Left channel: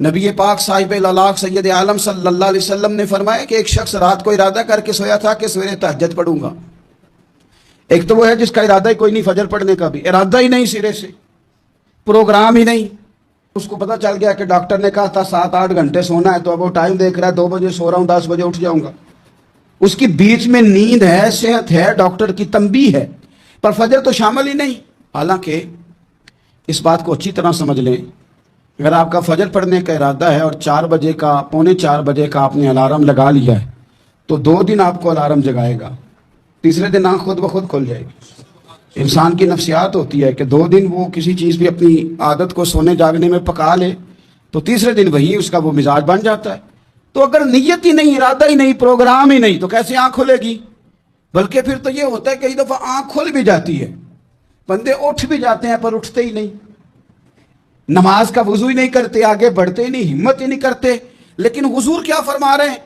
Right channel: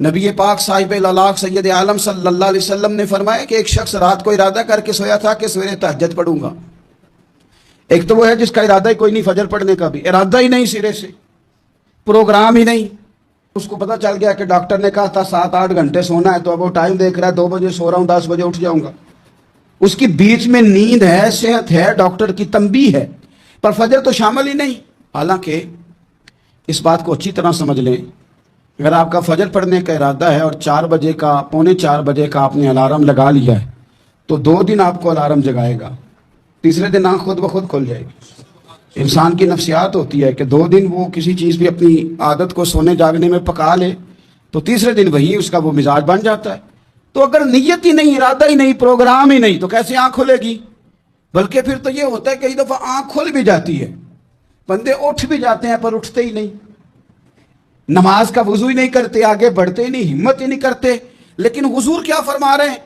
نبی پاک صاحب الالاق سید عالم صلی اللہ علیہ وسلم نے فرمایا کہ ایک شخص رات کو ارادہ کر کے سویا تھا کہ سویرے تہجد پڑھوں گا۔ ایک تو وہ ہے جس کا ارادہ ہی کوئی نہیں، فجر پڑھنے کا بھی ارادہ ہی نہیں، سرے سے پروگرام ہی نہیں۔ اس کو پتہ چل گیا کہ ڈاکٹر نے کہا تھا 7-8 گھنٹے سونا ہے، تو اب وہ ٹائم دیکھ رہا ہے 2 بجے سو رہا ہوں، 10 بجے اٹھ جاؤں گا۔ اس کی بیچ میں نیند ہے، صحت ہے، ڈاکٹر کی تنبیہ ہے، پر فجر تو شامل ہی نہیں۔ حالانکہ اس بات کو اچھی طرح سمجھ لیں، اگر آپ کا فجر پڑھنے کا ارادہ ہے اور 4 بجے کا 3:45 بجے کا آپ نے الارم لگا لیا ہے، تو 2 دن آپ کو الارم جگائے گا، تیسرے دن آنکھ خود بخود کھل جائے گی۔ انسان کی نفسیات ہوتی ہے کہ 2 دن وہ کسی چیز بھی اپنی عادت کو سونے جاگنے میں پکا لے تو تیسرے دن وہی اس کا وہ مزاج بن جاتا ہے۔ تو اگر نیت ہی نہیں، ارادہ ہی نہیں، پروگرام ہی نہیں، تو کیسے آنکھ کھلے گی؟ بلکہ پھر تو یہ ہوتا ہے کئی دفعہ آنکھ کھل بھی جاتی ہے، بندے اٹھ بھی جاتے ہیں پر اٹھتے ہی نہیں، نماز کا وضو ہی نہیں کرتے، آگے بڑھتے ہی نہیں، ہمت ہی نہیں کرتے۔ لیکن حضور کیا فرما رہے ہیں؟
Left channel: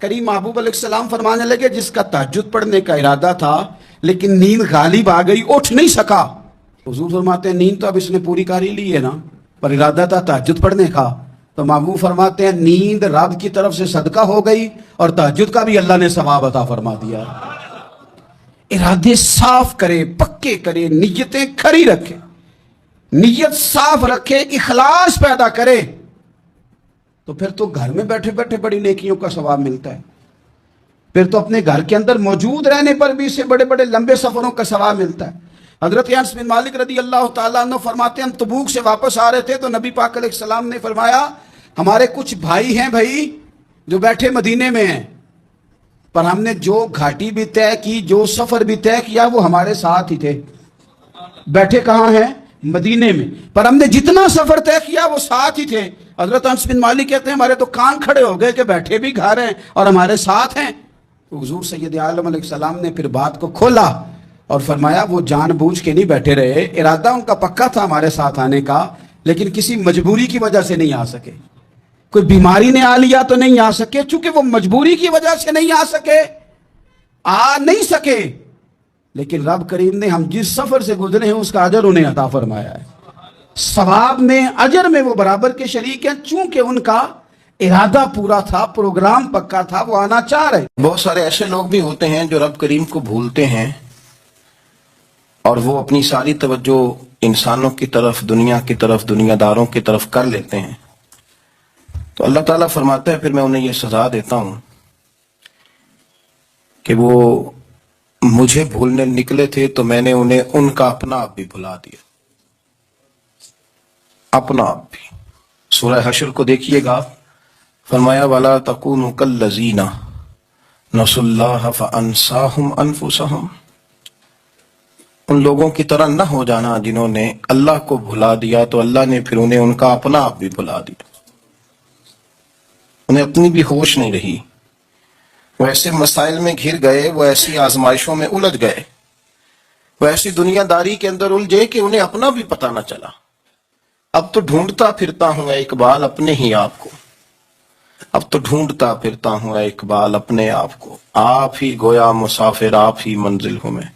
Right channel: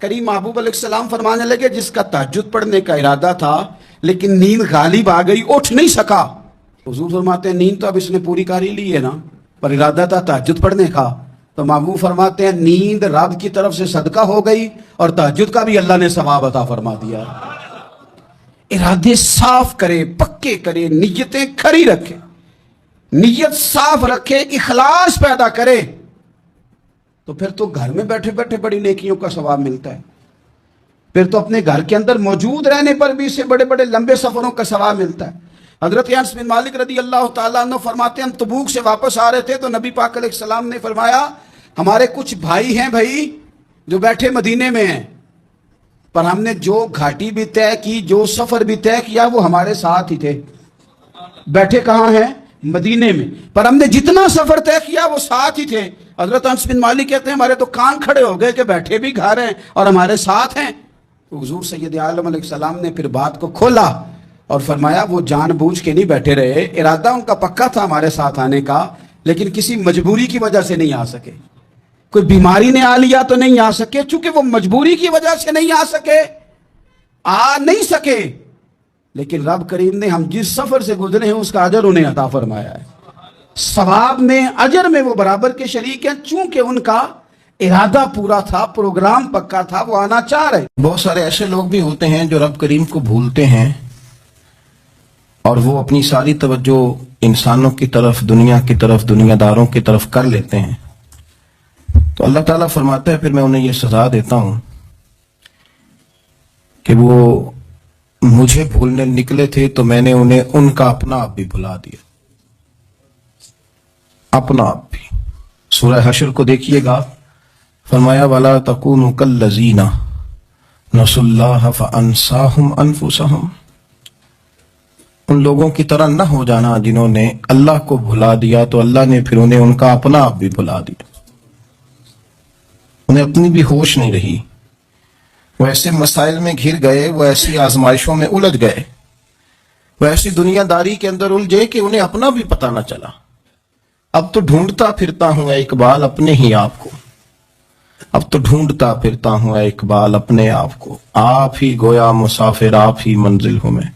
کریم محبوب علیہ السلام فرمانے لگے جس کا تہجد پڑھنے کا ارادہ تھا لیکن نیند غالب آ گئی، اٹھ نہیں سکا۔ حضور فرماتے ہیں نیند تو اب اس نے پوری کر ہی لی ہے نا، پر ارادہ تھا تہجد پڑھنے کا۔ تو محبوب فرماتے ہیں نیند رب کی طرف سے صدقہ ہو گئی اور تہجد کا بھی اللہ نے ثواب عطا فرما دیا۔ ارادے صاف کرے، پکے کرے، نیتیں کھری رکھے، نیت صاف رکھے، اخلاص پیدا کرے، تو پھر تو گھر میں بیٹھے بیٹھے بڑی نیکیوں کا ثواب ملتا ہے۔ پھر تو اپنے گھر کے اندر موجود رہنے پر بھی اسے بڑے بڑے لمبے سفروں کا ثواب ملتا ہے۔ حضرت انس بن مالک رضی اللہ تعالیٰ عنہ فرماتے ہیں ہم تبوک سے واپس آ رہے تھے تو نبی پاک علیہ السلام نے فرمایا ہمارے کچھ بھائی ہیں بھائی جو بیٹھے مدینے میں ہیں، پر ہم نے جو گھاٹی بھی طے کی، جو سفر بھی طے کیا، وہ ہمارے ساتھ ہی تھے۔ بیٹھے کہاں ہیں؟ مدینے میں، پر ہم نے جتنا سفر طے کیا وہ ساتھ ہی تھے۔ حضرت انس بن مالک کہتے ہیں ہمارے تو کان کھڑے ہو گئے کہ بیٹھے بھی گھر ہیں اور ہمارے ساتھ ہیں۔ تو حضور سید عالم علیہ السلام نے پھر بات کو کھولا اور فرمایا وہ جان بوجھ کے نہیں بیٹھے رہے، ارادہ ان کا پکا تھا ہمارے ساتھ آنے کا، لیکن کسی مجبوری کی وجہ سے نہیں آ سکے۔ کوئی بیماری نے آ لیا تو نہیں آ سکے، چونکہ وہ مجبوری کی وجہ سے نہیں آ سکے، آ نہیں سکے، لیکن رب کریم نے ہم جس سفر سے گزرے ہیں اس کا اجر انہیں عطا فرمایا ہے۔ ثواب میں، اجر میں وہ برابر کے شریک ہیں، چونکہ ان کا ارادہ پورا تھا، پروگرام پکا تھا، وہ آنا چاہ رہے۔ بہت سارے ایسے لوگ بھی ہوتے ہیں جو رب کریم کو بھولتے ہیں اور وہ اپنی ساری توجہ انسانوں کی طرف، دنیا کی طرف، دنیا داروں کی طرف کر لیتے ہیں۔ تو اللہ تعالیٰ فرماتا ہے پھر میں انہیں یہ سزا دیتا ہوں کہ وہ مجھے بھولنے نکلے تھے تو میں نے انہیں ان کا اپنا آپ بھی بھلا دیا، اپنا آپ بھی۔ سورہ حشر کو دیکھیے گا، فرمایا وَلَا تَكُونُوا كَالَّذِينَ نَسُوا اللَّهَ فَأَنسَاهُمْ أَنفُسَهُمْ، ان لوگوں کی طرح نہ ہو جانا جنہوں نے اللہ کو بھلا دیا تو اللہ نے پھر انہیں ان کا اپنا آپ بھی بھلا دیا، انہیں اپنی بھی ہوش نہیں رہی، وہ ایسے مسائل میں گھر گئے، وہ ایسی آزمائشوں میں الجھ گئے، وہ ایسی دنیا داری کے اندر الجھے کہ انہیں اپنا بھی پتہ نہ چلا۔ اب تو ڈھونڈتا پھرتا ہوں اے اقبال اپنے ہی آپ کو، اب تو ڈھونڈتا پھرتا ہوں اے اقبال اپنے آپ کو، آپ ہی گویا مسافر، آپ ہی منزل ہوں میں۔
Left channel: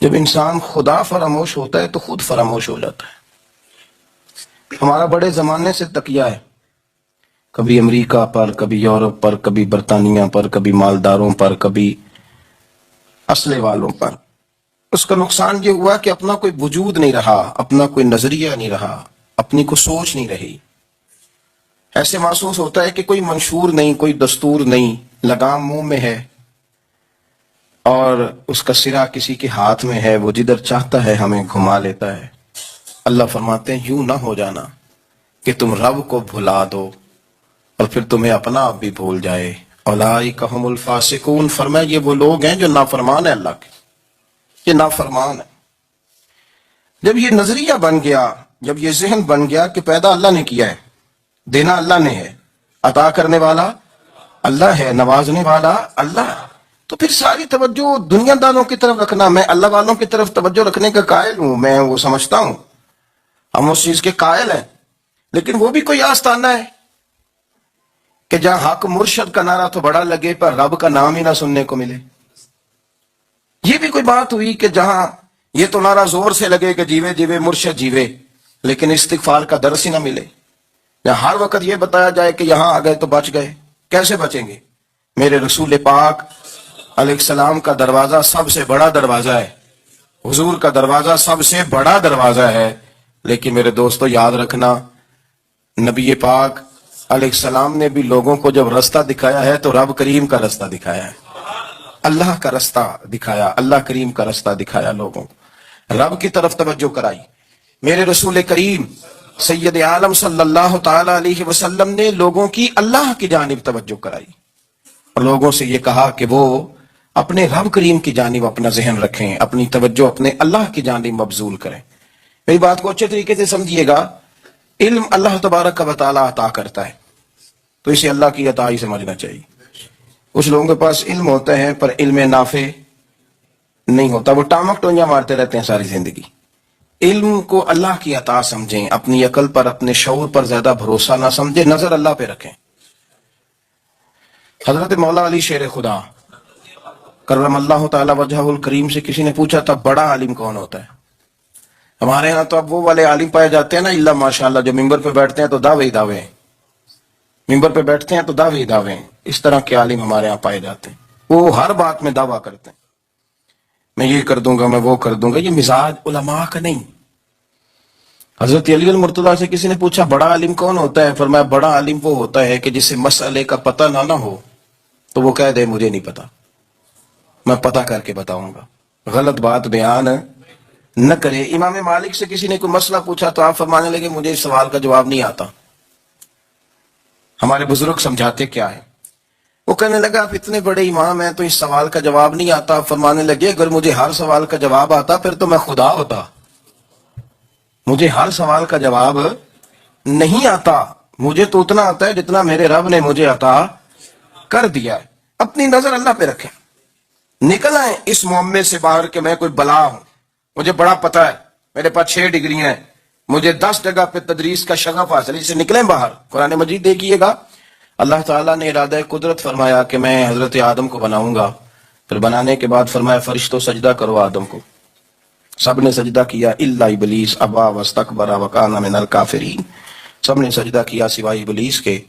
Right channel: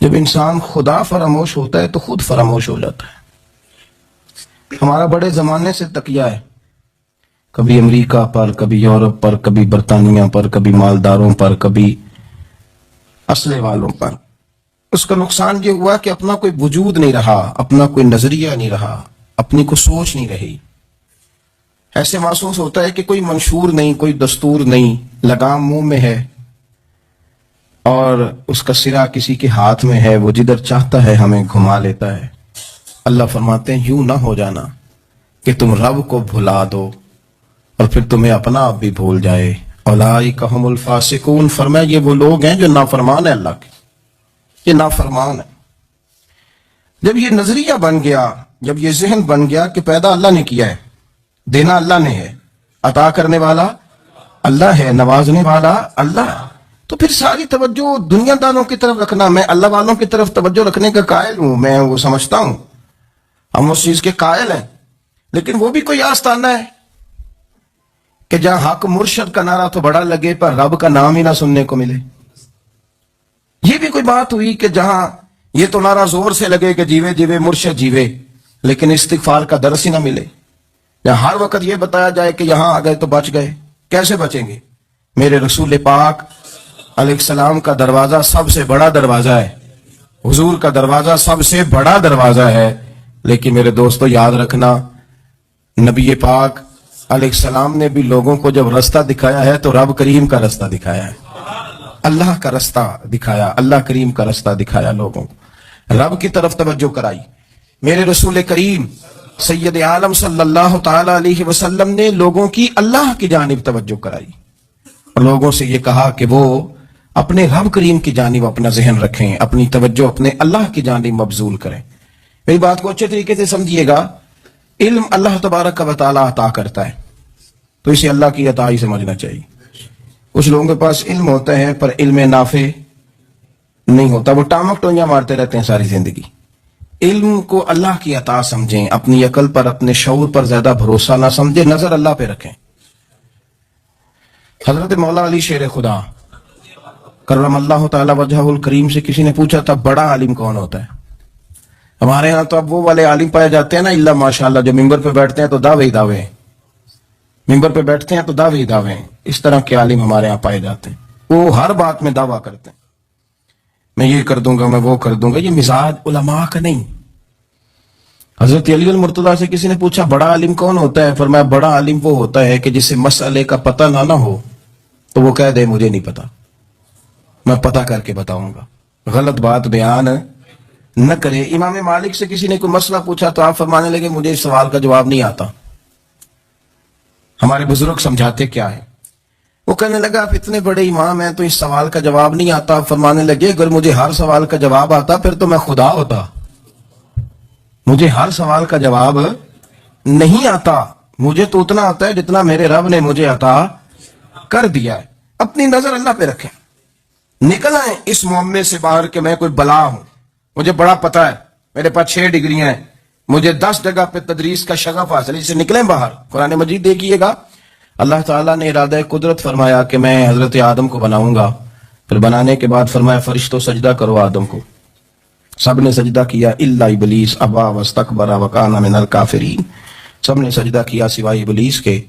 جب انسان خدا فراموش ہوتا ہے تو خود فراموش ہو جاتا ہے۔ ہمارا بڑے زمانے سے تکیہ ہے، کبھی امریکہ پر، کبھی یورپ پر، کبھی برطانیہ پر، کبھی مالداروں پر، کبھی اسلحے والوں پر۔ اس کا نقصان یہ ہوا کہ اپنا کوئی وجود نہیں رہا، اپنا کوئی نظریہ نہیں رہا، اپنی کوئی سوچ نہیں رہی۔ ایسے محسوس ہوتا ہے کہ کوئی منشور نہیں، کوئی دستور نہیں، لگام منہ میں ہے اور اس کا سرا کسی کے ہاتھ میں ہے، وہ جدھر چاہتا ہے ہمیں گھما لیتا ہے۔ اللہ فرماتے ہیں یوں نہ ہو جانا کہ تم رب کو بھلا دو اور پھر تمہیں اپنا آپ بھی بھول جائے۔ اولئک ھم الفاسقون، فرمایا یہ وہ لوگ ہیں جو نافرمان ہیں اللہ کے، یہ نافرمان ہے۔ جب یہ نظریہ بن گیا، جب یہ ذہن بن گیا کہ پیدا اللہ نے کیا ہے، دینا اللہ نے ہے، عطا کرنے والا اللہ ہے، نوازنے والا اللہ ہے، تو پھر ساری توجہ دنیا داروں کی طرف رکھنا، میں اللہ والوں کی طرف توجہ رکھنے کا قائل ہوں، میں وہ سمجھتا ہوں، ہم اس چیز کے قائل ہیں، لیکن وہ بھی کوئی آستانہ ہے کہ جہاں حق مرشد کا نعرہ تو بڑا لگے پر رب کا نام ہی نہ سننے کو ملے۔ یہ بھی کوئی بات ہوئی کہ جہاں یہ تو نعرہ زور سے لگے کہ جیوے جیوے مرشد جیوے، لیکن استغفار کا درس ہی نہ ملے۔ یا ہر وقت یہ بتایا جائے کہ یہاں آ گئے تو بچ گئے؟ کیسے بچیں گے؟ میرے رسول پاک علیہ السلام کا دروازہ سب سے بڑا دروازہ ہے، حضور کا دروازہ سب سے بڑا دروازہ ہے، لیکن میرے دوستو یاد رکھنا، نبی پاک علیہ السلام نے بھی لوگوں کو جب رستہ دکھایا ہے تو رب کریم کا رستہ دکھایا ہے، اللہ کا رستہ دکھایا، اللہ کریم کا رستہ دکھایا، لوگوں کو رب کی طرف توجہ کرائی۔ میرے رسول کریم سید عالم صلی اللہ تعالی علیہ وسلم نے لوگوں کی اللہ کی جانب توجہ کرائی اور لوگوں سے یہ کہا کہ وہ اپنے رب کریم کی جانب اپنا ذہن رکھیں، اپنی توجہ اپنے اللہ کی جانب مبذول کریں۔ میری بات کو اچھے طریقے سے سمجھیے گا، علم اللہ تبارک و تعالی عطا کرتا ہے تو اسے اللہ کی عطا ہی سمجھنا چاہیے۔ کچھ لوگوں کے پاس علم ہوتا ہے پر علم نافع نہیں ہوتا، وہ ٹامک ٹونیاں مارتے رہتے ہیں ساری زندگی۔ علم کو اللہ کی عطا سمجھیں، اپنی عقل پر اپنے شعور پر زیادہ بھروسہ نہ سمجھیں، نظر اللہ پہ رکھیں۔ حضرت مولا علی شیر خدا کرم اللہ تعالی وجہہ الکریم سے کسی نے پوچھا تھا بڑا عالم کون ہوتا ہے؟ ہمارے ہاں تو اب وہ والے عالم پائے جاتے ہیں نا اللہ ماشاءاللہ، جو ممبر پہ بیٹھتے ہیں تو دعوے ہی دعوے ہیں، ممبر پہ بیٹھتے ہیں تو دعوے ہی دعوے ہیں، اس طرح کے عالم ہمارے ہاں پائے جاتے ہیں، وہ ہر بات میں دعویٰ کرتے ہیں، میں یہ کر دوں گا، میں وہ کر دوں گا۔ یہ مزاج علماء کا نہیں۔ حضرت علی المرتضیٰ سے کسی نے پوچھا بڑا عالم کون ہوتا ہے؟ فرمایا بڑا عالم وہ ہوتا ہے کہ جسے مسئلے کا پتہ نہ ہو تو وہ کہہ دے مجھے نہیں پتا، میں پتہ کر کے بتاؤں گا، غلط بات بیان نہ کرے۔ امام مالک سے کسی نے کوئی مسئلہ پوچھا تو آپ فرمانے لگے مجھے اس سوال کا جواب نہیں آتا، ہمارے بزرگ سمجھاتے کیا ہے؟ وہ کہنے لگا آپ اتنے بڑے امام ہیں تو اس سوال کا جواب نہیں آتا۔ آپ فرمانے لگے اگر مجھے ہر سوال کا جواب آتا پھر تو میں خدا ہوتا، مجھے ہر سوال کا جواب نہیں آتا، مجھے تو اتنا آتا ہے جتنا میرے رب نے مجھے عطا کر دیا ہے۔ اپنی نظر اللہ پہ رکھیں، نکل آئیں اس معمے سے باہر کہ میں کوئی بلا ہوں، مجھے بڑا پتا ہے، میرے پاس 6 ڈگریاں ہیں، مجھے 10 جگہ پہ تدریس کا شغف حاصل ہے، اسے نکلیں باہر۔ قرآن مجید دیکھیے گا، اللہ تعالیٰ نے ارادہ قدرت فرمایا کہ میں حضرت آدم کو بناؤں گا، پھر بنانے کے بعد فرمایا فرشتوں سجدہ کرو آدم کو، سب نے سجدہ کیا الا ابلیس ابا واستکبر وکان من الکافرین، سب نے سجدہ کیا سوائے ابلیس کے،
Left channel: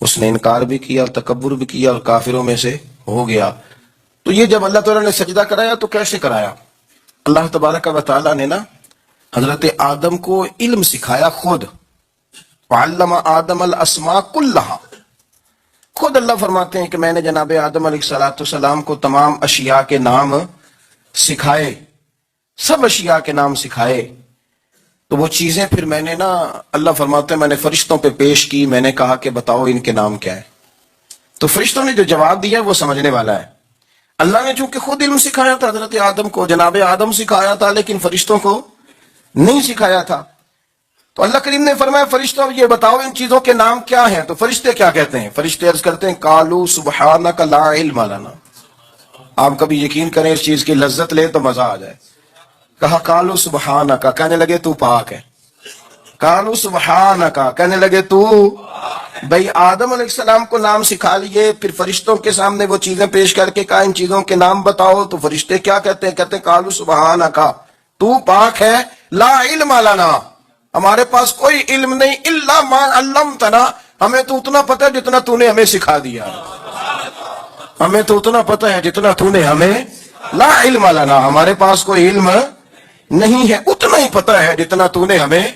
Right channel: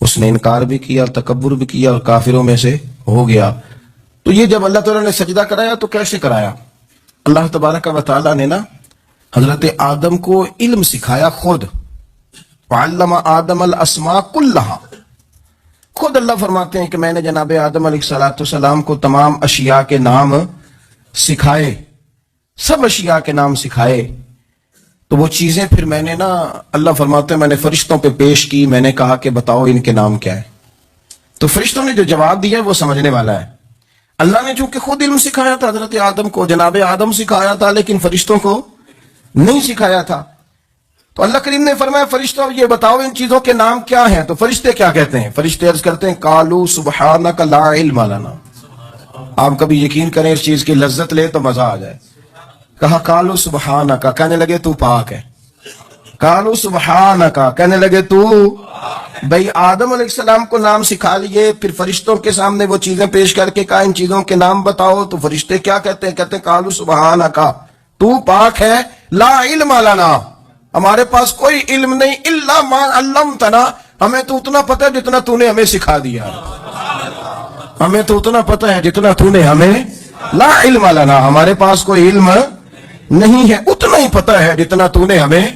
اس نے انکار بھی کیا، تکبر بھی کیا اور کافروں میں سے ہو گیا۔ تو یہ جب اللہ تعالیٰ نے سجدہ کرایا تو کیسے کرایا؟ اللہ تبارک و تعالیٰ نے نا حضرت آدم کو علم سکھایا خود، وعلم آدم الاسماء کلہا، خود اللہ فرماتے ہیں کہ میں نے جناب آدم علیہ السلام کو تمام اشیاء کے نام سکھائے، سب اشیاء کے نام سکھائے۔ تو وہ چیزیں پھر میں نے نا، اللہ فرماتے ہیں میں نے فرشتوں پہ پیش کی، میں نے کہا کہ بتاؤ ان کے نام کیا ہے، تو فرشتوں نے جو جواب دیا وہ سمجھنے والا ہے۔ اللہ نے چونکہ خود علم سکھایا تھا حضرت آدم کو، جناب آدم سکھایا تھا، لیکن فرشتوں کو نہیں سکھایا تھا۔ تو اللہ کریم نے فرمایا فرشتوں یہ بتاؤ ان چیزوں کے نام کیا ہیں، تو فرشتے کیا کہتے ہیں؟ فرشتے عرض کرتے ہیں قالوا سبحانک لا علم لنا۔ آپ کبھی یقین کریں اس چیز کی لذت لے تو مزہ آ جائے۔ کہا قالوا سبحانک، کہنے لگے تو پاک ہے، قالوا سبحانک، کہنے لگے تو، بھئی آدم علیہ السلام کو نام سکھا لیے، پھر فرشتوں کے سامنے وہ چیزیں پیش کر کے کہا ان چیزوں کے نام بتاؤ، تو فرشتے کیا کہتے ہیں؟ کہتے ہیں قالوا سبحانک، تو پاک ہے، لا علم لنا، ہمارے پاس کوئی علم نہیں، الا ما علمتنا، ہمیں تو اتنا پتہ ہے جتنا تو نے ہمیں سکھا دیا، ہمیں تو اتنا پتہ ہے جتنا تو نے ہمیں، لا علم لنا، ہمارے پاس کوئی علم نہیں ہے، اتنا ہی پتہ ہے جتنا تو نے ہمیں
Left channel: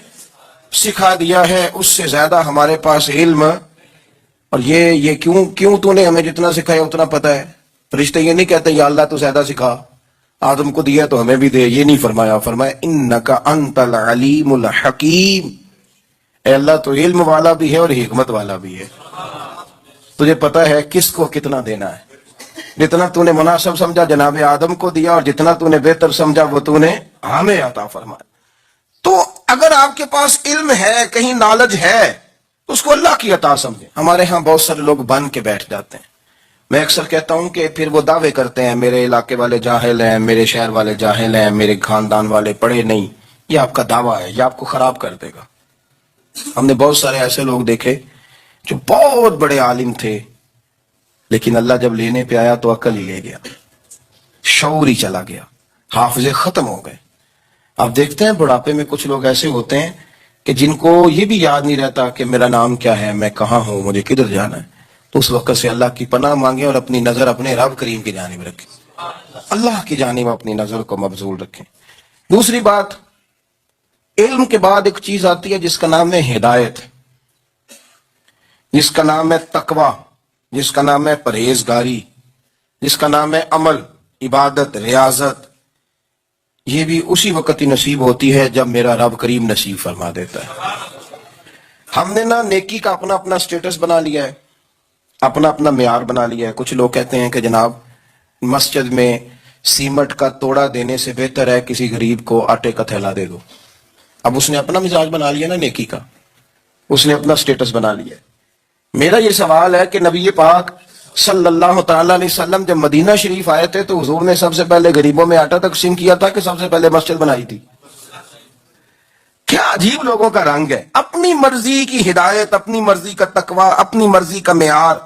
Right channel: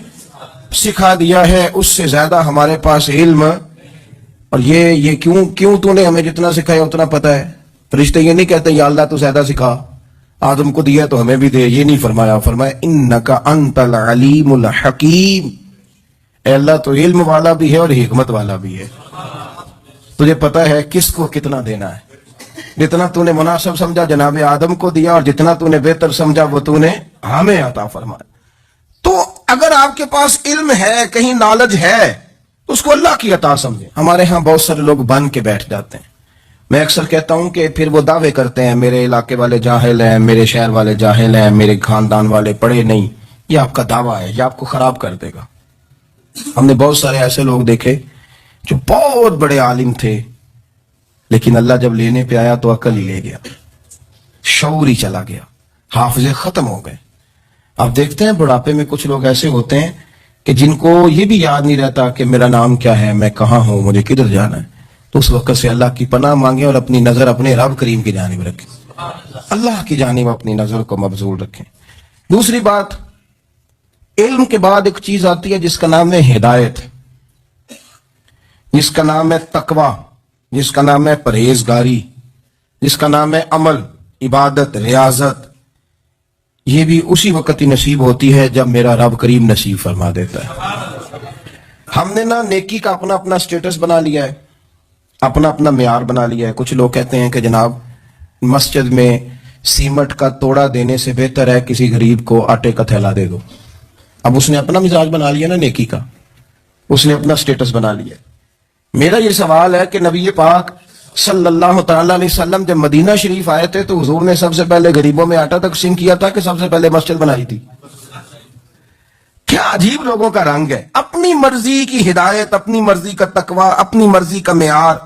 سکھا دیا ہے، اس سے زیادہ ہمارے پاس علم۔ اور یہ کیوں تو نے ہمیں جتنا سکھایا اتنا پتہ ہے؟ فرشتے یہ نہیں کہتے یا اللہ تو زیادہ سکھا، آدم کو دیا تو ہمیں بھی دے، یہ نہیں فرمایا، فرمایا انکا انت العلیم الحکیم، اے اللہ تو علم والا بھی ہے اور حکمت والا بھی ہے، تجھے پتہ ہے کس کو کتنا دینا ہے، جتنا تو نے مناسب سمجھا جناب آدم کو دیا، اور جتنا تو نے بہتر سمجھا وہ تو نے ہمیں عطا فرمایا۔ تو اگر آپ کے پاس علم ہے، کہیں نالج ہے، تو اس کو اللہ کی عطا سمجھیں۔ ہمارے ہاں بہت سارے لوگ بن کے بیٹھ جاتے ہیں، میں اکثر کہتا ہوں کہ پھر وہ دعوے کرتے ہیں میرے علاقے والے جاہل ہیں، میرے شہر والے جاہل ہیں، میرے خاندان والے پڑھے نہیں۔ یہ آپ کا دعویٰ ہے، یہ آپ کو خراب کر دے گا۔ ہم نے بہت سارے ایسے لوگ دیکھے جو بہت بڑے عالم تھے، لیکن اللہ جب لینے پہ آیا تو عقل ہی لے گیا، شعور ہی چلا گیا، حافظے ختم ہو گئے۔ آپ دیکھتے ہیں بڑھاپے میں کچھ لوگ ایسے ہوتے ہیں کہ جن کو یہ بھی یاد نہیں رہتا کہ میرا نام کیا ہے، میں کہاں ہوں، مجھے کدھر جانا ہے، تو اس وقت سے اللہ کی پناہ مانگیں اور اپنی نظر اپنے رب کریم کی جانب رکھیں، اللہ کی جانب اپنی نظر کو مبذول رکھیں۔ دوسری بات، علم کے بعد ایک چیز آتی ہے جس کا نام ہے ہدایت، جس کا نام ہے تقوی، جس کا نام ہے پرہیزگاری، جس کا نام ہے عمل، عبادت، ریاضت۔ یہ بھی اسی وقت ہی نصیب ہوتی ہے جب میرا رب کریم نصیب فرما دیتا ہے۔ ہم نے نا نیکی کا اپنا اپنا سٹیٹس بنا لیا ہے، اپنا اپنا معیار بنا لیا ہے۔ کچھ لوگ کہتے ہیں کہ جناب مسجد میں سیمنٹ کا توڑا دینے سے بہتر ہے کسی غریب کو آٹے کا تھیلا دے دو۔ اب اس نے اپنا مزاج بنا لیا نا نیکی کا، اس نے اپنا سٹیٹس بنا لیا ہے۔ میرا یہ سوال ہے کہ نبی پاک صلی اللہ تعالی علیہ وسلم جب مدینہ شریف آئے تھے تو حضور نے سب سے پہلے غریبوں میں آٹا تقسیم کیا تھا کہ سب سے پہلے مسجد بنائی تھی؟ کیا عجیب لوگوں کا رنگ ہے، اپنی مرضی کی ہدایت، اپنی مرضی کا تقوی، اپنی مرضی کا معیار۔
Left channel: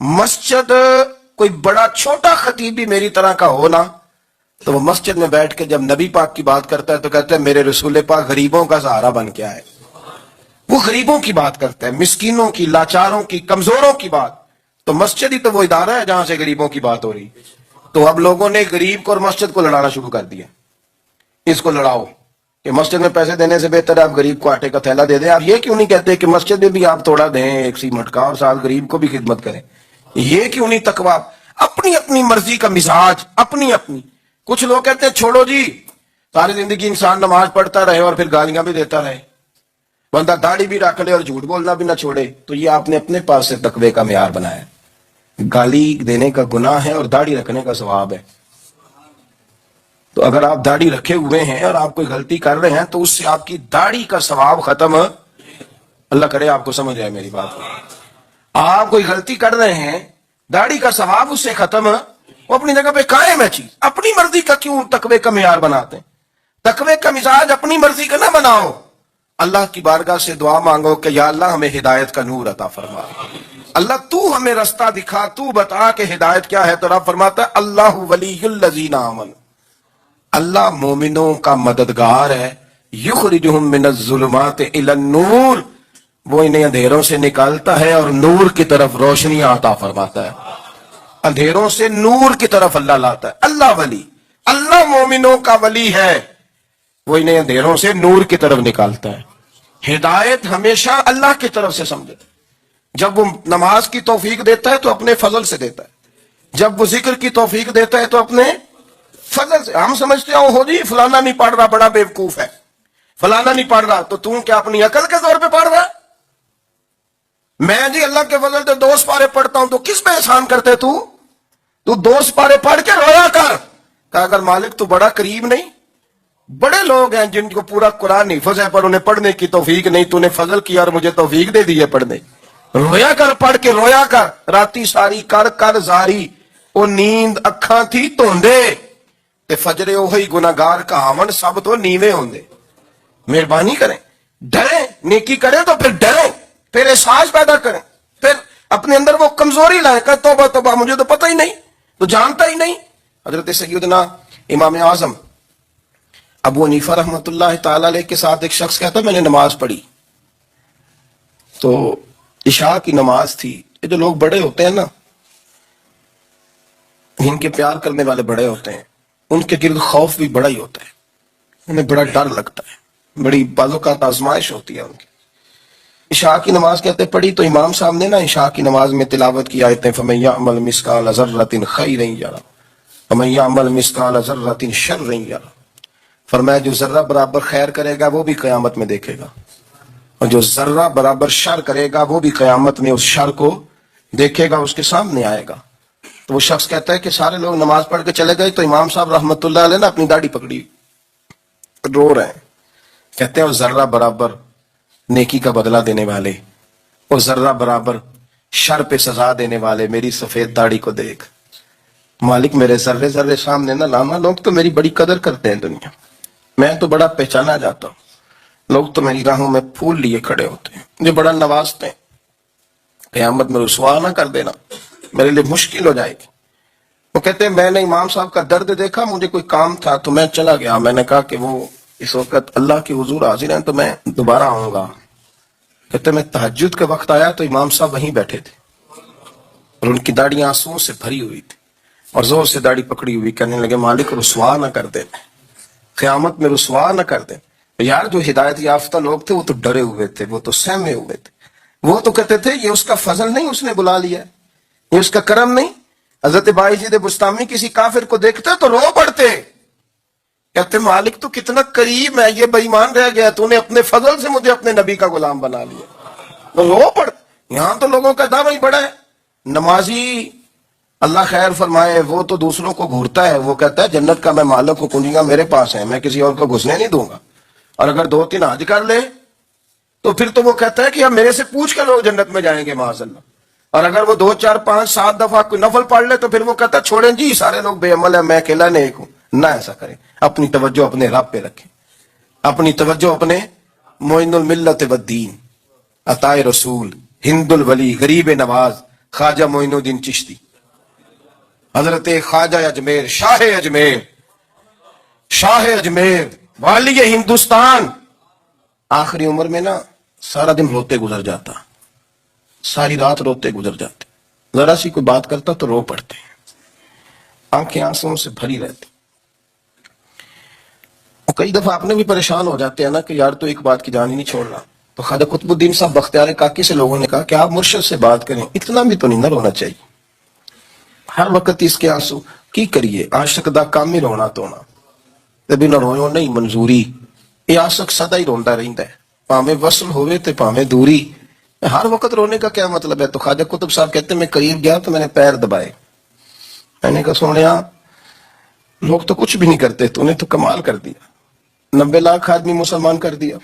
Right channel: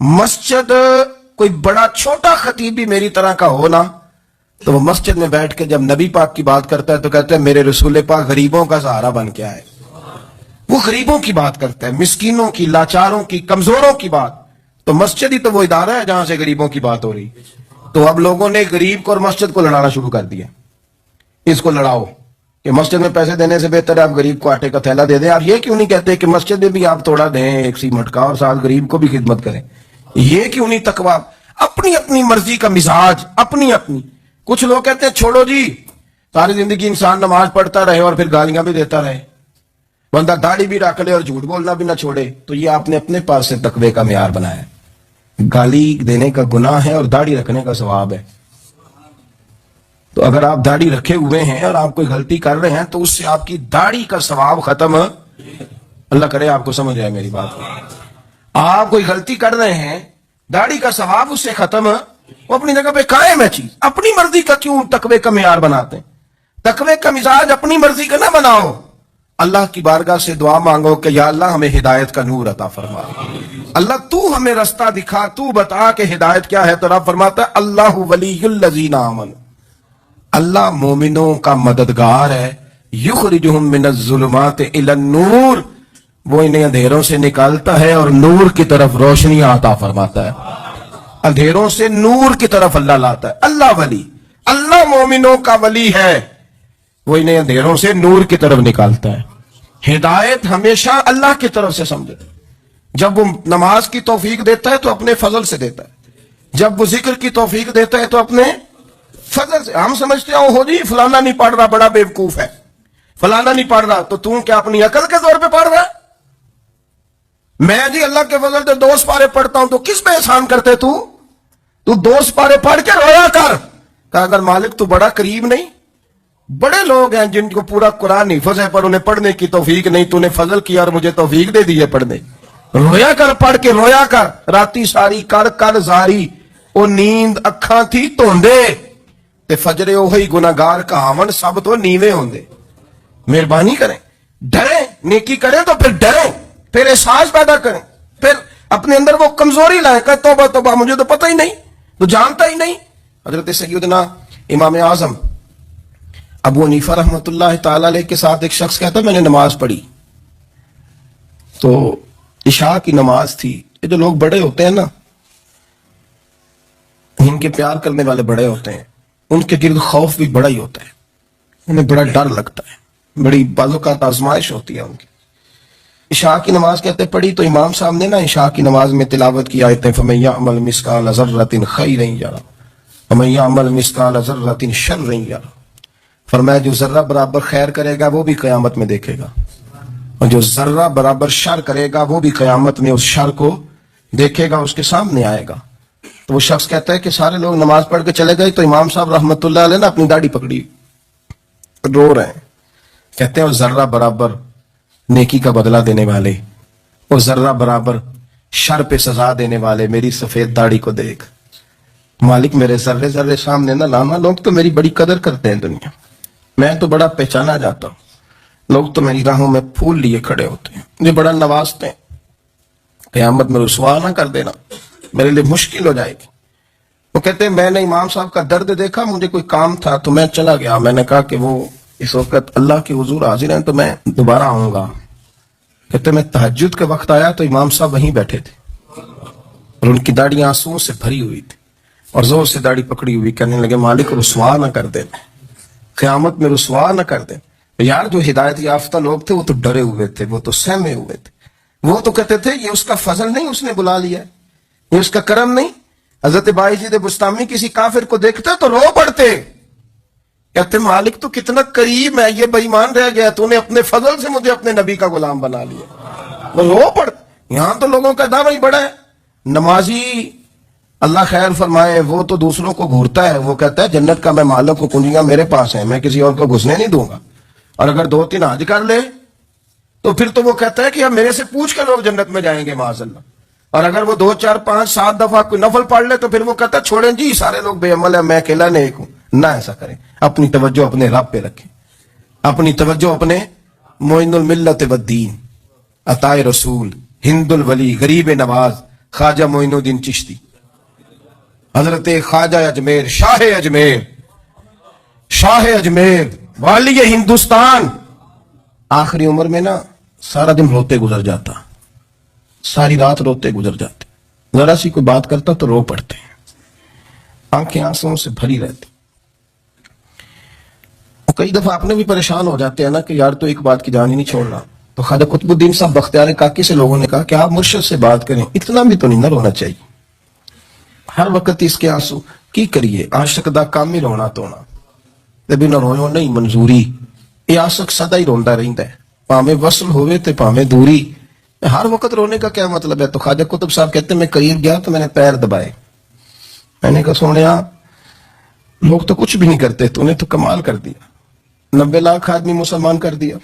مسجد کوئی بڑا چھوٹا خطیب بھی میری طرح کا ہو نا، تو وہ مسجد میں بیٹھ کے جب نبی پاک کی بات کرتا ہے تو کہتا ہے میرے رسول پاک غریبوں کا سہارا بن کے آئے۔ وہ غریبوں کی بات کرتا ہے، مسکینوں کی، لاچاروں کی، کمزوروں کی بات۔ تو مسجد ہی تو وہ ادارہ ہے جہاں سے غریبوں کی بات ہو رہی۔ تو اب لوگوں نے غریب کو اور مسجد کو لڑانا شروع کر دیا، اس کو لڑاؤ کہ مسجد میں پیسے دینے سے بہتر ہے آپ غریب کو آٹے کا تھیلا دے دیں۔ آپ یہ کیوں نہیں کہتے کہ مسجد میں بھی آپ تھوڑا دیں ایک سیمنٹ کا اور ساتھ غریب کو بھی خدمت کریں؟ یہ کیوں نہیں تقویٰ؟ اپنی اپنی مرضی کا مزاج، اپنی اپنی۔ کچھ لوگ کہتے ہیں چھوڑو جی، ساری زندگی انسان نماز پڑھتا رہے اور پھر گالیاں بھی دیتا رہے، بندہ داڑھی بھی رکھ لے اور جھوٹ بولنا بھی نہ چھوڑے، تو یہ آپ نے اپنے پاس سے تقوی کا معیار بنایا ہے۔ گالی دینے کا گناہ ہے اور داڑھی رکھنے کا ثواب ہے۔ تو اگر آپ داڑھی رکھے ہوئے ہیں اور آپ کوئی غلطی کر رہے ہیں تو اس سے آپ کی داڑھی کا ثواب ختم، اللہ کرے آپ کو سمجھ رہے میری بات۔ آپ کوئی غلطی کر رہے ہیں، داڑھی کا ثواب اس سے ختم، وہ اپنی جگہ پہ قائم ہے چیز۔ اپنی مرضی کا کیوں تقوی کا معیار بناتے ہیں؟ تقوی کا مزاج اپنی مرضی کا نہ بناؤ، اللہ کی بارگاہ سے دعا مانگو کہ یا اللہ ہمیں ہدایت کا نور عطا فرما، اللہ تو ہمیں رستہ دکھا، تو بتا کہ ہدایت کیا ہے۔ تو رب فرماتا ہے اللہ ولی الذین آمنوا، اللہ مومنوں کا مددگار ہے، یخرجہم من الظلمات الی النور، وہ انہیں اندھیروں سے نکالتا ہے اور نور کی طرف روشنی عطا فرماتا ہے۔ اندھیروں سے نور کی طرف اللہ لاتا ہے۔ اللہ ولی، اللہ مومنوں کا ولی ہے، وہ انہیں اندھیروں سے نور کی طرف نکالتا ہے۔ ہدایت ہمیشہ اللہ کی طرف سے سمجھے۔ جب وہ نماز کی توفیق دیتا ہے تو اپنے فضل سے دیتا ہے، جب وہ ذکر کی توفیق دیتا ہے تو اپنے فضل سے۔ ہم سمجھتے ہیں ہو جی فلانا نہیں پڑھ رہا بڑا بیوقوف ہے، فلانا نہیں پڑھ رہا، تو کیا اپنی عقل کے طور پہ پڑھ رہا ہے؟ میں جی اللہ کے فضل سے 2 سپارے پڑھتا ہوں، تو کس پہ احسان کرتے تو 2 سپارے پڑھ کے رویا کر۔ کہا اگر مالک تو بڑا قریب نہیں؟ بڑے لوگ ہیں جن کو پورا قرآن حفظ ہے پر انہیں پڑھنے کی توفیق نہیں، تو نے فضل کیا اور مجھے توفیق دے دی ہے پڑھنے۔ رویا کر، پڑھ کے رویا کر، راتی ساری کر کر زاری، او نیند اکھاں تھی توندے تے فجرے اوہی گناہگار کہاون سب تو نیوے ہوندے۔ مہربانی کریں، ڈریں، نیکی کریں تو پھر ڈرو، پھر احساس پیدا کریں، پھر اپنے اندر وہ کمزوری لائیں کہ توبہ توبہ مجھے تو پتہ ہی نہیں، تو جانتا ہی نہیں۔ حضرت سیدنا امام اعظم ابو حنیفہ رحمۃ اللہ تعالی علیہ کے ساتھ ایک شخص کہتا میں نے نماز پڑھی، تو عشاء کی نماز تھی۔ یہ جو لوگ بڑے ہوتے ہیں نا، ان کے پیار کرنے والے بڑے ہوتے ہیں، ان کے گرد خوف بھی بڑا ہی ہوتا ہے، انہیں بڑا ڈر لگتا ہے، بڑی بعض اوقات آزمائش ہوتی ہے ان کی۔ عشاء کی نماز کہتے پڑھی تو امام صاحب نے نا عشاء کی نماز میں تلاوت کی آیتیں فَمَن يَعْمَلْ مِثْقَالَ ذَرَّةٍ خَيْرًا يَرَهُ وَمَن يَعْمَلْ مِثْقَالَ ذَرَّةٍ شَرًّا يَرَهُ، فرمایا جو ذرہ برابر خیر کرے گا وہ بھی قیامت میں دیکھے گا، اور جو ذرہ برابر شر کرے گا وہ بھی قیامت میں اس شر کو دیکھے گا، اس کے سامنے آئے گا۔ تو وہ شخص کہتا ہے کہ سارے لوگ نماز پڑھ کے چلے گئے تو امام صاحب رحمت اللہ علیہ نے اپنی داڑھی پکڑی، رو رہے ہیں، کہتے ہیں اور ذرہ برابر نیکی کا بدلہ دینے والے، اور ذرہ برابر شر پہ سزا دینے والے میری سفید داڑھی کو دیکھ، مالک میرے ذرے ذرے سامنے نہ لانا، لوگ تو میری بڑی قدر کرتے ہیں دنیا، میں تو بڑا پہچانا جاتا ہوں، لوگ تو میری راہوں میں پھول لیے کھڑے ہوتے ہیں، مجھے بڑا نوازتے ہیں، قیامت میں رسوا نہ کر دینا، میرے لیے مشکل ہو جائے گی۔ وہ کہتے ہیں میں نے امام صاحب کا درد دیکھا، مجھے کوئی کام تھا تو میں چلا گیا، میں نے کہا کہ وہ اس وقت اللہ کے حضور حاضر ہیں تو میں دوبارہ آؤں گا. کہتے میں تہجد کے وقت آیا تو امام صاحب وہیں بیٹھے تھے اور ان کی داڑھی آنسوؤں سے بھری ہوئی تھی اور زور سے داڑھی پکڑی ہوئی. کہنے لگے مالک رسوا نہ کر دے, قیامت میں رسوا نہ کر دے. یار جو ہدایت یافتہ لوگ تھے وہ تو ڈرے ہوئے تھے, وہ تو سہمے ہوئے تھے. وہ تو کہتے تھے یہ اس کا فضل نہیں, اس نے بلا لیا, یہ اس کا کرم نہیں. حضرت باعزید بستامی کسی کافر کو دیکھتے تو رو پڑتے, کہتے مالک تو کتنا قریب ہے, یہ بے ایمان رہ گیا, تو نے اپنے فضل سے مجھے اپنے نبی کا غلام بنا لیا. وہ رو پڑ. یہاں تو لوگوں کا دعویٰ ہی بڑا ہے. نمازی اللہ خیر فرمائے وہ تو دوسروں کو گھورتا ہے, وہ کہتا ہے جنت کا میں مالک ہوں, کنجیاں میرے پاس ہیں, میں کسی اور کو گھسنے نہیں دوں گا. اور اگر 2-3 حج کر لے تو پھر تو وہ کہتا ہے کہ اب میرے سے پوچھ کر لوگ جنت میں جائیں گے معاذ اللہ. اور اگر وہ 2 4 5 7 دفعہ کوئی نفل پڑھ لے تو پھر وہ کہتا ہے چھوڑیں جی سارے لوگ بے عمل ہیں, میں اکیلا نیک ہوں. نہ ایسا کریں, اپنی توجہ اپنے رب پہ رکھیں, اپنی توجہ اپنے معین الملت والدین عطا رسول ہند الولی غریب نواز خواجہ معین الدین چشتی حضرت خواجہ اجمیر شاہ اجمیر والی ہندوستان. آخری عمر میں نا سارا دن روتے گزر جاتا, ساری رات روتے گزر جاتے, ذرا سی کوئی بات کرتا تو رو پڑتے, آنکھیں آنسوؤں سے بھری رہتی. اور کئی دفعہ آپ نے بھی پریشان ہو جاتے ہیں نا کہ یار تو ایک بات کی جان ہی نہیں چھوڑ رہا. تو خواجہ قطب الدین صاحب بختیار کاکی سے لوگوں نے کہا کہ آپ مرشد سے بات کریں, اتنا بھی تو نہیں نہ رونا چاہیے. ہر وقت اس کے آنسو کی کریے, عاشق دا کام ہی رونا تونا, تبھی نہ روئے نہیں منظوری. یہ عاشق سدا ہی روندا رہتا ہے, پاویں وصل ہوئے تے پاویں دوری. ہر وقت رونے کا کیا مطلب ہے؟ تو خواجہ قطب صاحب کہتے ہیں میں قریب گیا تو میں نے پیر دبائے, میں نے کہا سونیا لوگ تو کچھ بھی نہیں کرتے, تو نے تو کمال کر دیا. 90 لاکھ آدمی مسلمان کر دیا,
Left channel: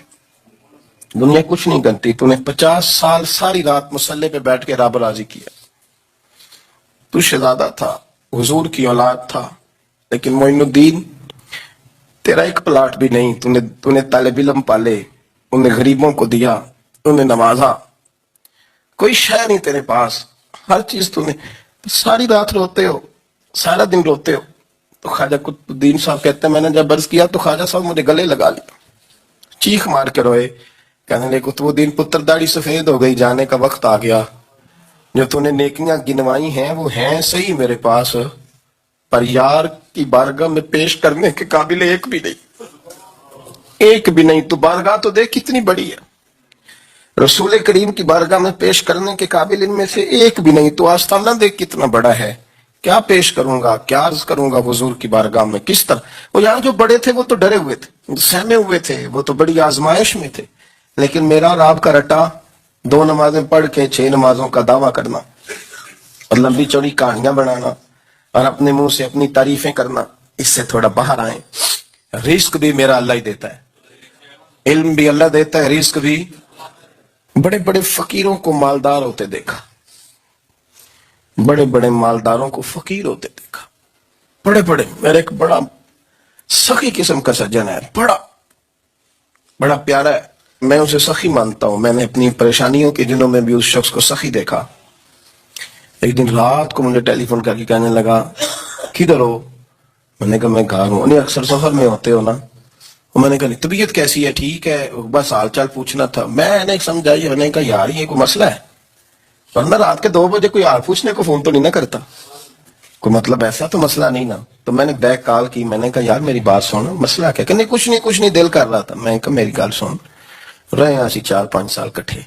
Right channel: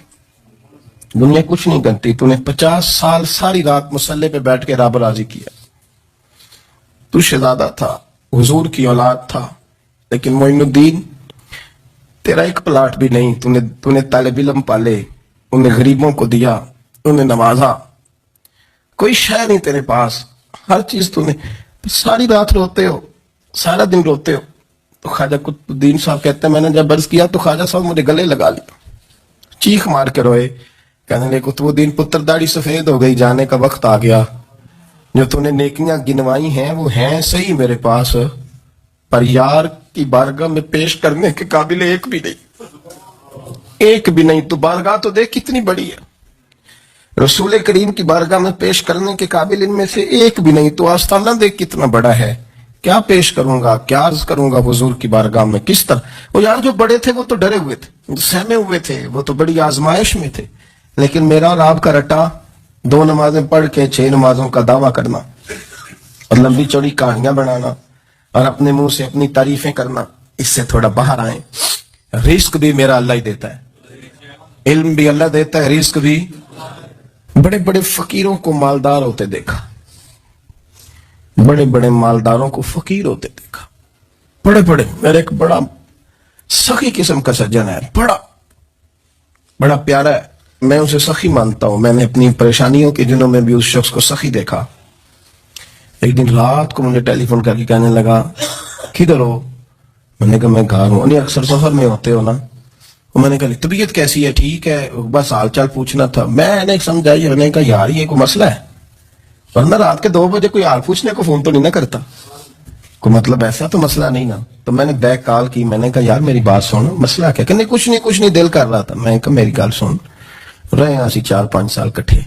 دنیا کچھ نہیں کرتی. تو نے 50 سال ساری رات مسلح پہ بیٹھ کے رب راضی کیا. تو شہزادہ تھا, حضور کی اولاد تھا, لیکن معین الدین تیرا ایک پلاٹ بھی نہیں. تو نے طالب علم پالے, انہیں غریبوں کو دیا, انہیں نوازا, کوئی شے نہیں تیرے پاس, ہر چیز تو نے. ساری رات روتے ہو, سارا دن روتے ہو. تو خواجہ قطب الدین صاحب کہتے ہیں میں نے جب عرض کیا تو خواجہ صاحب مجھے گلے لگا لیا, چیخ مار کے روئے. کہنے لگے قطب الدین پتر داڑھی سفید ہو گئی, جانے کا وقت آ گیا. جو تو نے نیکیاں گنوائی ہیں وہ ہیں صحیح میرے پاس, پر یار کی بارگاہ میں پیش کرنے کے قابل ایک بھی نہیں. تو بارگاہ تو دیکھ کتنی بڑی ہے, رسول کریم کی بارگاہ میں پیش کرنے کے قابل ان میں سے ایک بھی نہیں. تو آستانہ دیکھ کتنا بڑا ہے, کیا پیش کروں گا, کیا عرض کروں گا حضور کی بارگاہ میں, کس طرح. وہ یار جو بڑے تھے وہ تو ڈرے ہوئے تھے, سہمے ہوئے تھے, وہ تو بڑی آزمائش میں تھے. لیکن میرا اور آپ کا رٹا 2 نمازیں پڑھ کے 6 نمازوں کا دعویٰ کرنا اور لمبی چوڑی کہانیاں بنانا اور اپنے منہ سے اپنی تعریفیں کرنا, اس سے تھوڑا باہر آئیں. رزق بھی میرا اللہ ہی دیتا ہے, علم بھی اللہ دیتا ہے, رزق بھی. بڑے بڑے فقیروں کو مالدار ہوتے دیکھا, بڑے بڑے مالداروں کو فقیر ہوتے دیکھا. بڑے میرے ایک بڑا سخی قسم کا سجن ہے, بڑا پیارا ہے, میں اسے سخی مانتا ہوں. میں نے اپنی پریشانیوں کے دنوں میں بھی اس شخص کو سخی دیکھا. ایک دن رات کو مجھے ٹیلی فون کر کے کہنے لگا کدھر ہو؟ میں نے کہا میں گھر ہوں. نہیں اکثر سفر میں ہوتے ہو نا. میں نے کہا طبیعت کیسی ہے؟ ٹھیک ہے, بس حال چال پوچھنا تھا. میں نے سمجھائی, میں نے کہا یار یہ کوئی مسئلہ ہے, ورنہ رات کے 2 بجے کوئی حال پوچھنے کو فون تو نہیں نہ کرتا, کوئی مطلب ایسا تو مسئلہ نہیں نا. تو میں نے بیک کال کی, میں نے کہا یار میری بات سن, مسئلہ کیا؟ کہ نہیں کچھ نہیں دل کر رہا تھا. میں نے کہا میری گال سن, رہے ہیں اسی 4-5 سال کٹھے,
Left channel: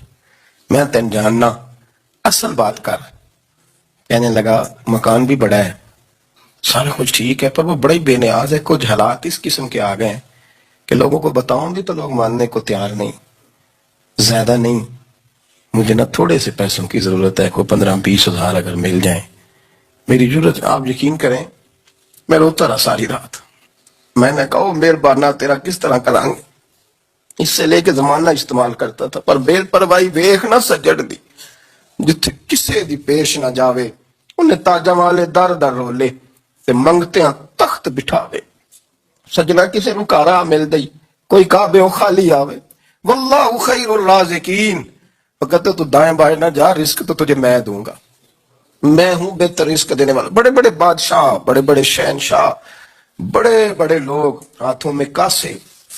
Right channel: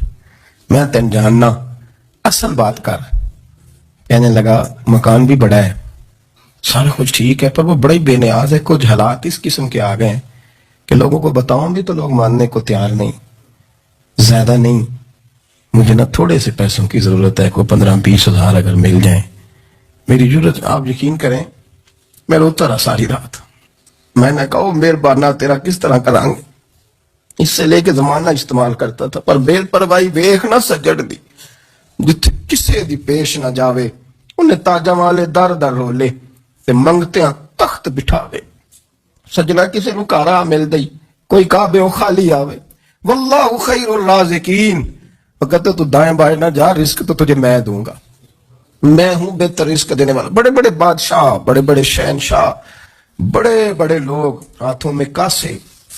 میں تین جاننا, اصل بات کر. کہنے لگا مکان بھی بڑا ہے, سارا کچھ ٹھیک ہے, پر وہ بڑا ہی بے نیاز ہے. کچھ حالات اس قسم کے آ گئے ہیں کہ لوگوں کو بتاؤں بھی تو لوگ ماننے کو تیار نہیں. زیادہ نہیں, مجھے نہ تھوڑے سے پیسوں کی ضرورت ہے, کوئی 15-20 ہزار اگر مل جائیں میری ضرورت. آپ یقین کریں میں روتا رہا ساری رات. میں نے کہا مہربانہ تیرا کس طرح کریں گے, اس سے لے کے زمانہ استعمال کرتا تھا, پر بے پرواہی ویخ نہ سجڑ دی, جتھے کسے دی پیش نہ جاوے, انہیں تاجہ والے در رولے تے منگتے ہیں تخت بٹھاوے. سجنا کسے نو کارا مل دئی, کوئی کعبے خالی آوے. واللہ خیر الرازقین, کہتے تو دائیں بائیں نہ جا, رزق تو تجھے میں دوں گا, میں ہوں بہتر رزق دینے والا. بڑے بڑے بادشاہ, بڑے بڑے شہنشاہ, بڑے بڑے لوگ, ہاتھوں میں کاسے,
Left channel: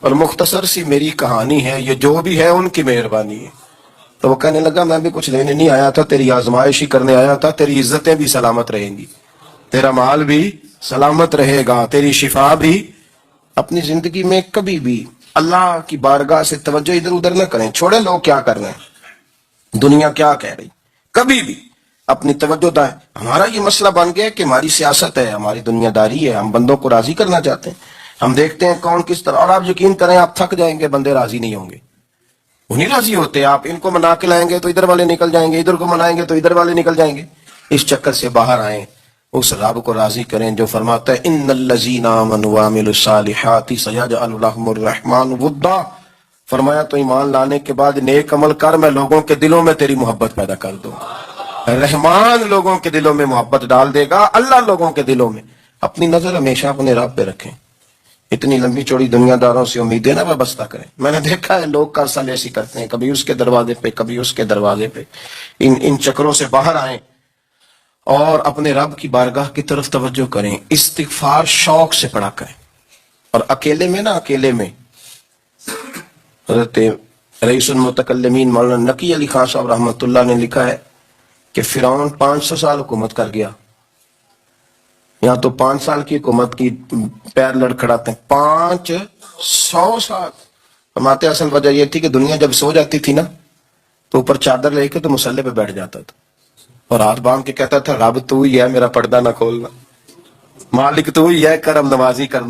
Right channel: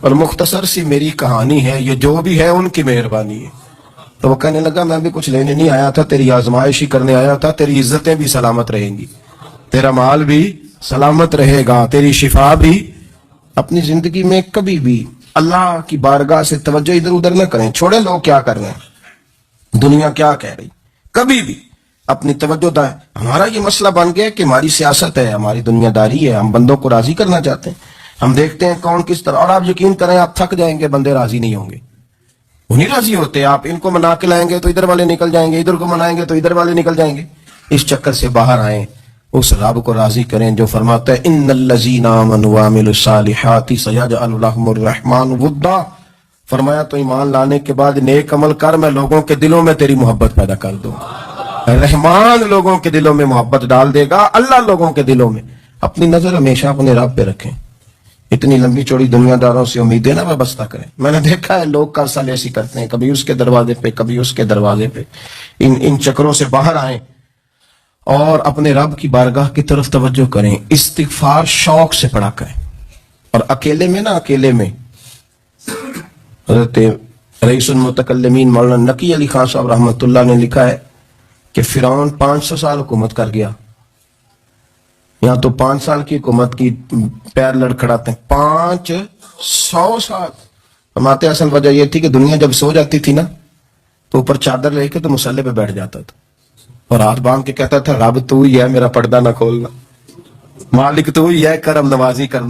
اور مختصر سی میری کہانی ہے، یہ جو بھی ہے ان کی مہربانی ہے۔ تو وہ کہنے لگا میں بھی کچھ لینے نہیں آیا تھا، تیری آزمائش ہی کرنے آیا تھا، تیری عزتیں بھی سلامت رہیں گی، تیرا مال بھی سلامت رہے گا، تیری شفا بھی۔ اپنی زندگی میں کبھی بھی اللہ کی بارگاہ سے توجہ ادھر ادھر نہ کریں، چھوڑیں لوگ کیا کر رہے ہیں، دنیا کیا کہہ رہی، کبھی بھی اپنی توجہ دائیں۔ ہمارا یہ مسئلہ بن گیا کہ ہماری سیاست ہے، ہماری دنیا داری ہے، ہم بندوں کو راضی کرنا چاہتے ہیں، ہم دیکھتے ہیں کون کس طرح، اور آپ یقین کریں آپ تھک جائیں گے، بندے راضی نہیں ہوں گے، وہ نہیں راضی ہوتے۔ آپ ان کو منا کے لائیں گے تو ادھر والے نکل جائیں گے، ادھر کو منائیں گے تو ادھر والے نکل جائیں گے۔ اس چکر سے باہر آئیں، اس رب کو راضی کریں جو فرماتا ہے ان الذین آمنوا وعملوا الصالحات سیجعل لهم الرحمن ودا۔ فرمایا تو ایمان لانے کے بعد نیک عمل کر، میں لوگوں کے دلوں میں تیری محبت پیدا کر دوں گا۔ رحمان لوگوں کے دلوں میں محبت ڈال دے گا، اللہ لوگوں کے دلوں میں۔ اپنی نظر ہمیشہ اپنے رب پہ رکھیں، اتنی لمبی چوڑی دنیا داروں سے امیدیں نہ وابستہ کریں۔ میں نے دیکھا ہے لوگ قرضہ لیسی کرتے ہیں، کبھی اس کے دروازے پہ کبھی اس کے دروازے پہ۔ ان چکروں سے باہر آئیں اور اپنے رب کی بارگاہ کی طرف توجہ کریں، استغفار شوق سے پڑھا کریں۔ اور اکیلے میں نا، اکیلے میں حضرت رئیس المتکلمین مولانا نقی علی خان صاحب رحمۃ اللہ نے لکھا ہے کہ فرعون 500 سال حکومت کر گیا، یہاں تو 5 سال کی حکومت کی پیر لڑکھڑاتے ہیں، 500 سال۔ فرماتے اصل وجہ یہ تھی کہ دنیا جب سو جاتی تھی نا تو اوپر چادر لے کے تو مصلے پہ بیٹھ جاتا تھا اور ہاتھ باندھ کے کہتا تھا رب تو ہی ہے، میرا پردہ نہ کھولنا، مالک تو ہی ہے، کرم نوازی کرنا۔